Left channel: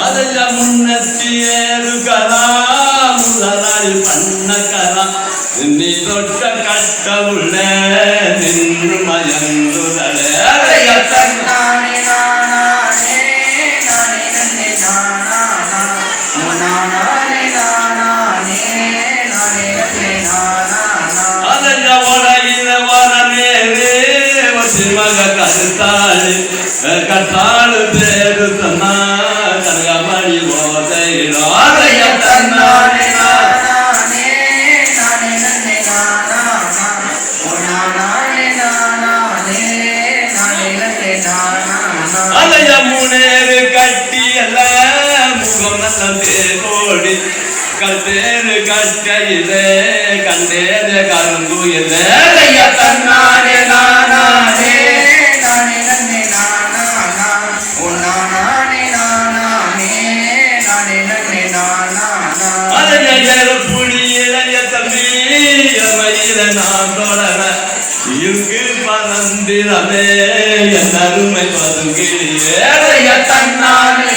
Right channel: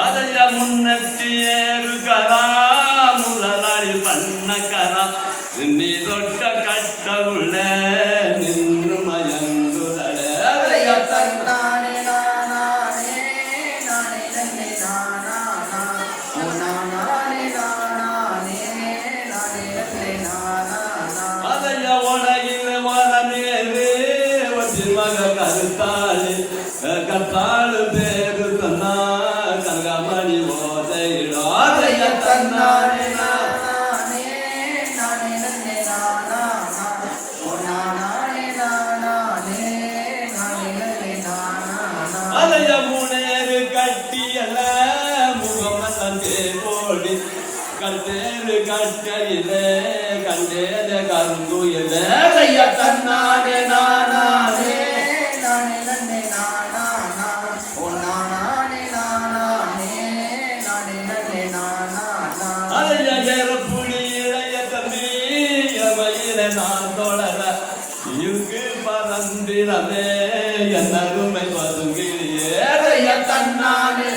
அதைய முன்னத்தியேருக்கரா முதலாளி பண்ணக்கரா நீ தொட்ட கட்ட உள்ள நின்று மயங்குதலே அதைய தன்னானே அதைய உடையில வரமேலே மக கருத்தாளி கட்டாளு பேரு தன்னா கரகமணி போதையிலோ அதைய தன்னானே அதைய முனேறு கட்டியல்ல முகமல்ல தேரோடி கத்தேரு கட்டையிலே கண்டேத கருங்குயிலே அதைய தன்னானே நானே இங்கு பரந்திரமே என் அருமை பதுங்கிலே தன்னானே